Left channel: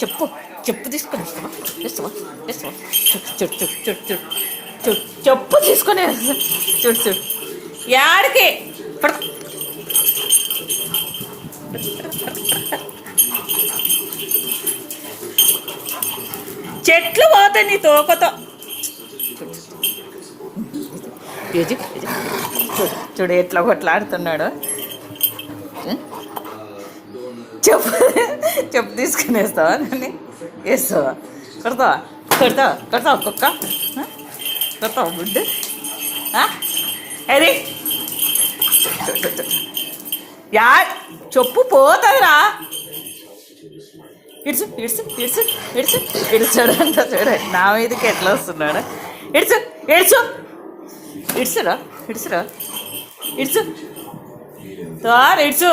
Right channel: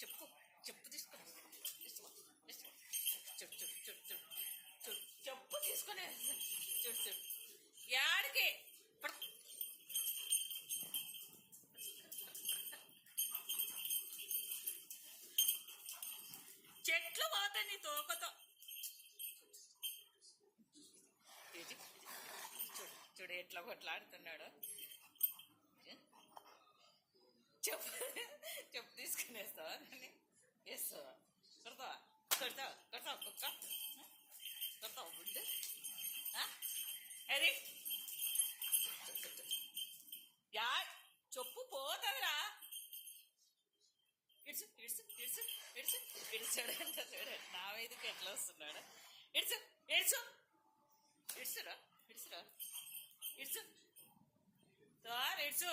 చెప్పు చెప్పు తీసుకొని ఇస్తావా ఇస్తావా ఇస్తావా చూడు చూడు చూడు చూడు చూడు చెప్పు తీసుకొని చూడు చూడు యాడికి పడుకో చెట్లు పోతాయి నీ తోకతో చూడు చూడు ఎట్లా కొట్లాడుతున్నాడు చెప్పు చెప్పు తీసుకుని వేస్తావా నన్ను వేస్తావా కొడతావా కొడతావా కొడతావా కుక్క కొడతావా గుడ్డు అది యా చెప్పు పోతుందిరా ఇడుచు ఇడుచు ఇడుచు ఇడుచు ఇడుచాడు అంట చూడండి నా మీదకి ఎట్లా వస్తున్నాడు ఇడుచు ఇడుచు ఇడుచురా ఇడుచురా ఇడుచు ఇడుచు